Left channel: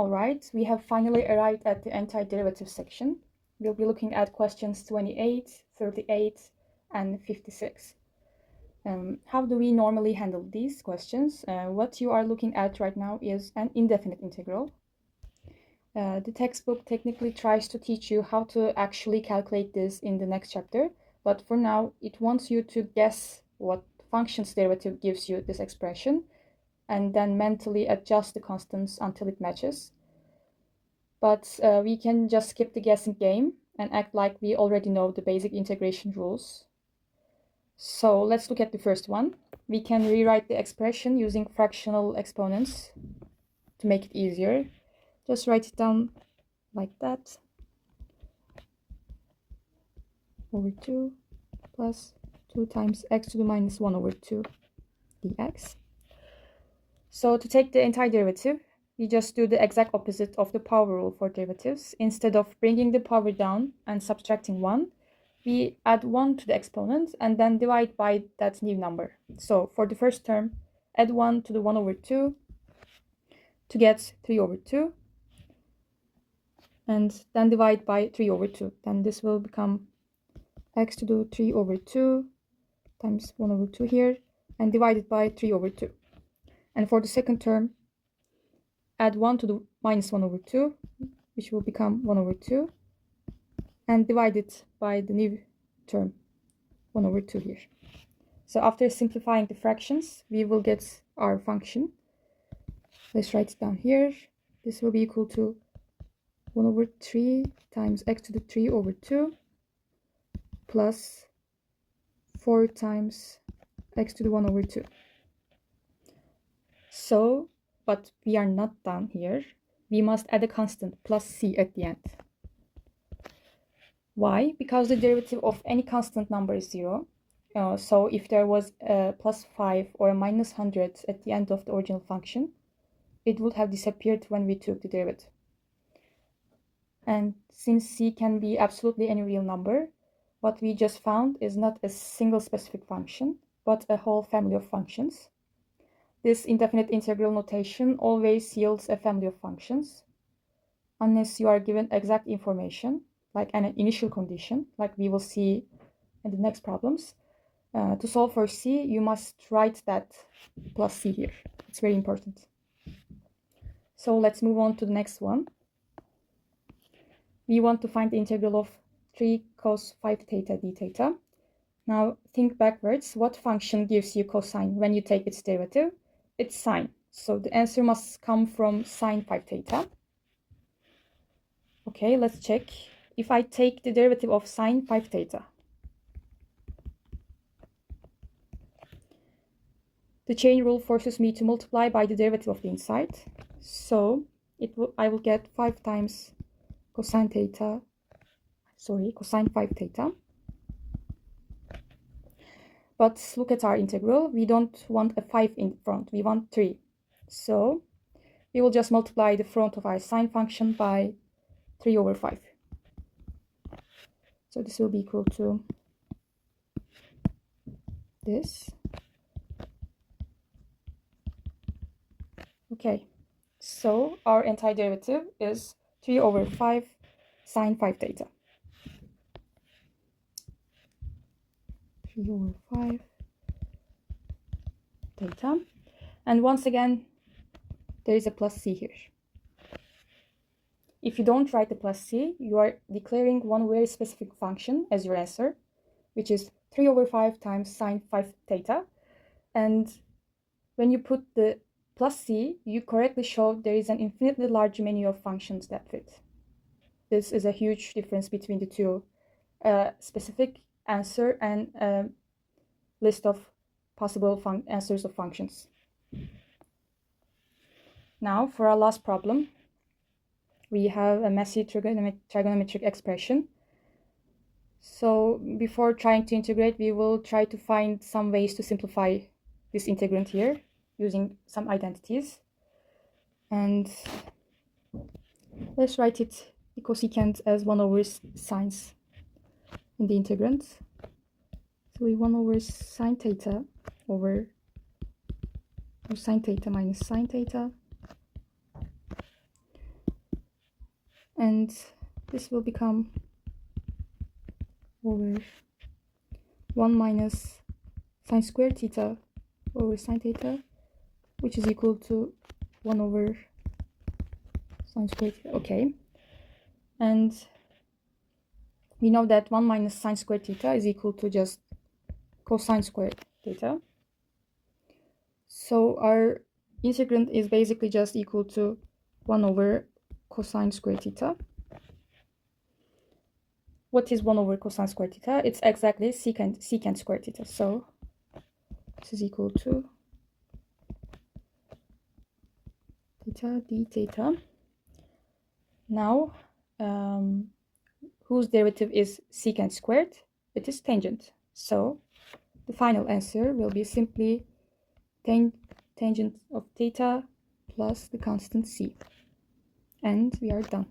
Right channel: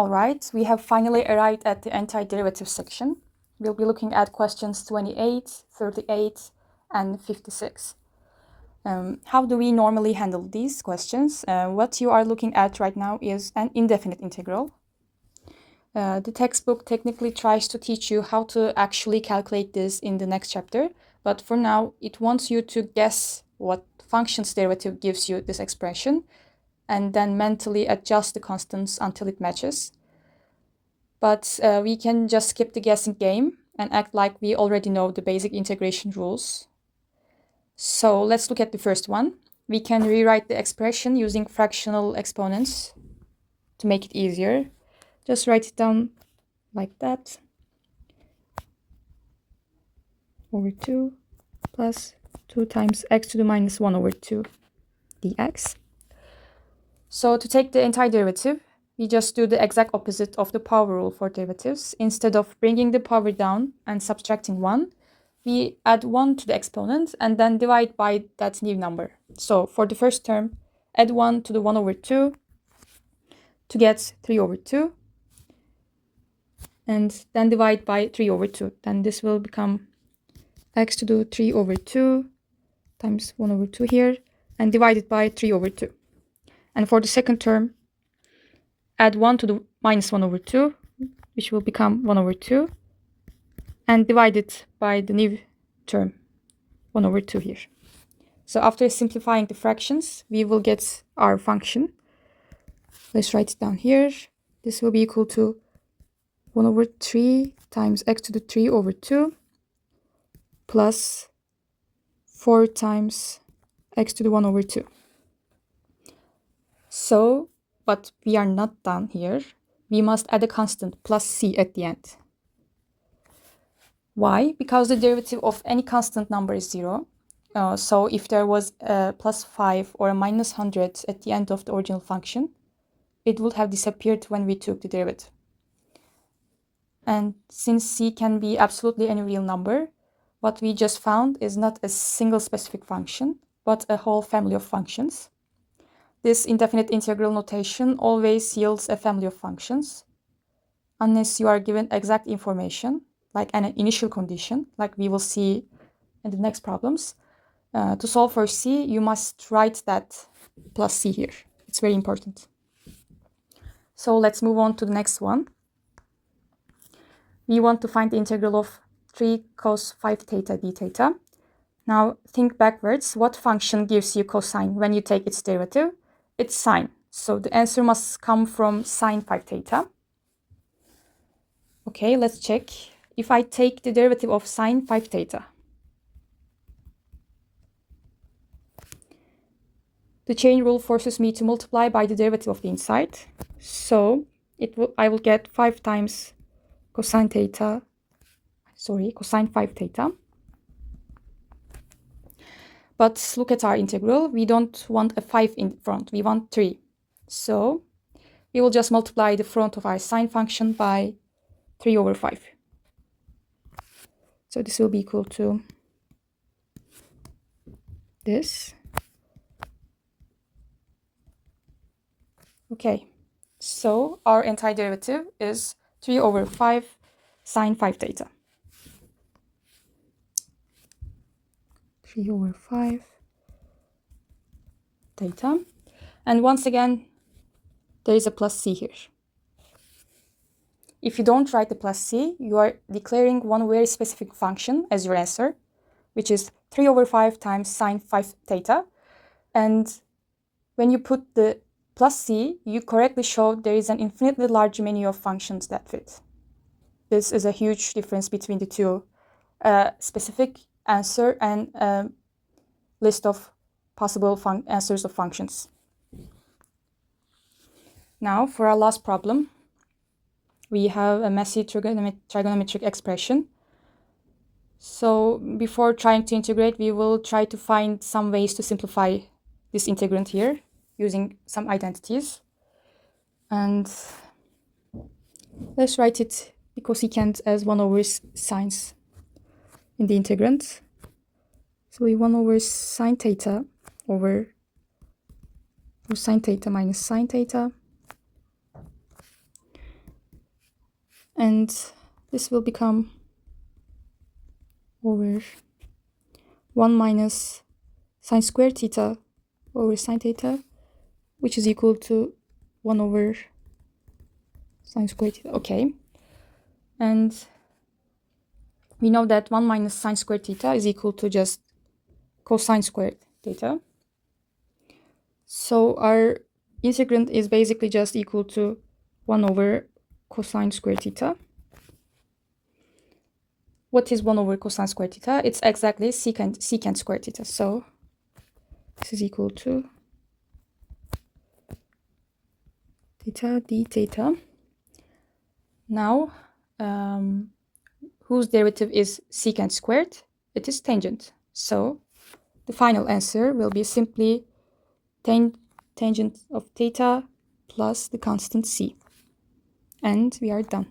All right, we have finally arrived at the antiderivative section. We'll be looking at questions 28, 38, and 56. How do we normally handle these questions? What you are looking at right now is an indefinite integral. The textbook technically tries to teach you how to actually calculate this in the next chapter, but for now, it wants you to guess what function's derivative gives you this expression, and then mentally adjust the constants until it matches. But we can just skip the guessing game and act like we already know the basic integration rules. So let's look at the first one. We can rewrite the expression using fractional exponents to make it easier. Just write it down like that. Over 2 plus 2 times x to the minus 1 over 2 dx. So to take the antiderivative, we just do the exact opposite of the power rule for derivatives. Instead of bringing the power down and subtracting 1, we add 1 to the exponent and then divide by that new number. So for the first term, add 1 to the 1 over 2 to get 3 over 2. And then divide by 3 over 2. Then this will become x to the 3 over 2 times 1 over 2 here, and divided by 3 over 2. And for the second term, add 1 to the minus 1 over 2, which will become 1 over 2, and divide it by the new term, 1 over 2 here. So after simplifying the fractions, we will get our function. Let's write it down here. This will be equal to 1 over 3 times x to the 3 over 2 plus 4 times x to the 1 over 2. So, but we are not done here. We must add a constant plus c at the end. Why? Because the derivative of any constant number is 0. So if there was a plus 5 or a minus 100 at the end of the original function, it would have disappeared when we took the derivative. And since c can be absolutely any real number, what we just found is not a single specific function, but a whole family of functions. This indefinite integral notation always yields a family of functions, unless you are given exact information, like an initial condition, like we will see in the next problems. To solve for c, you must write that plus c here. It's very important. So let's move on to the next one. We want to find the integral of 3 cos 5 theta d theta. Now think backwards. What function gives you cosine when you take its derivative? It's sine. So the answer must come from sine 5 theta. Okay, let's check. If I take the derivative of sine 5 theta, the chain rule forces me to multiply by the derivative of the inside. So I will get 5 times cosine 5 theta. But look at our integral. We don't want a 5 in front. We want 3. So we will just multiply the front of our sine function by 3 over 5. So this will be equal to this. Okay, so our antiderivative is 3 over 5 sine 5 theta. 3 over 5 theta. And once again, there is a plus c here. If you don't write the plus c, you are declaring one very specific function as your answer, which is 3 over 5 times sine 5 theta. And when you put the plus c, you correctly show there is an infinitely large menu of functions that fit. This is a huge difference between the two. Specific answer and a list of possible answers of functions. Now for our last problem, we have a messy trigonometric expression. So before trying to integrate, we will try to find some ways to simplify this integrand here using some identities. And let's write it cosecant as 1 over sines in the integrand. So we 1 over sine theta over sine theta minus sine theta. And this will become over 1 minus sine squared theta over sine theta, which is equal to 1 over sine squared theta. Okay. And we know that 1 minus sine squared theta is equal to just cosine squared theta. So our integrand is basically just equal to 1 over cosine squared theta. What is 1 over cosine squared theta? It's exactly secant squared theta. So this is equal to theta d theta. Now, whose derivative is secant squared? It is tangent. So the final answer will be simply tangent of theta plus the constant c. And we are done.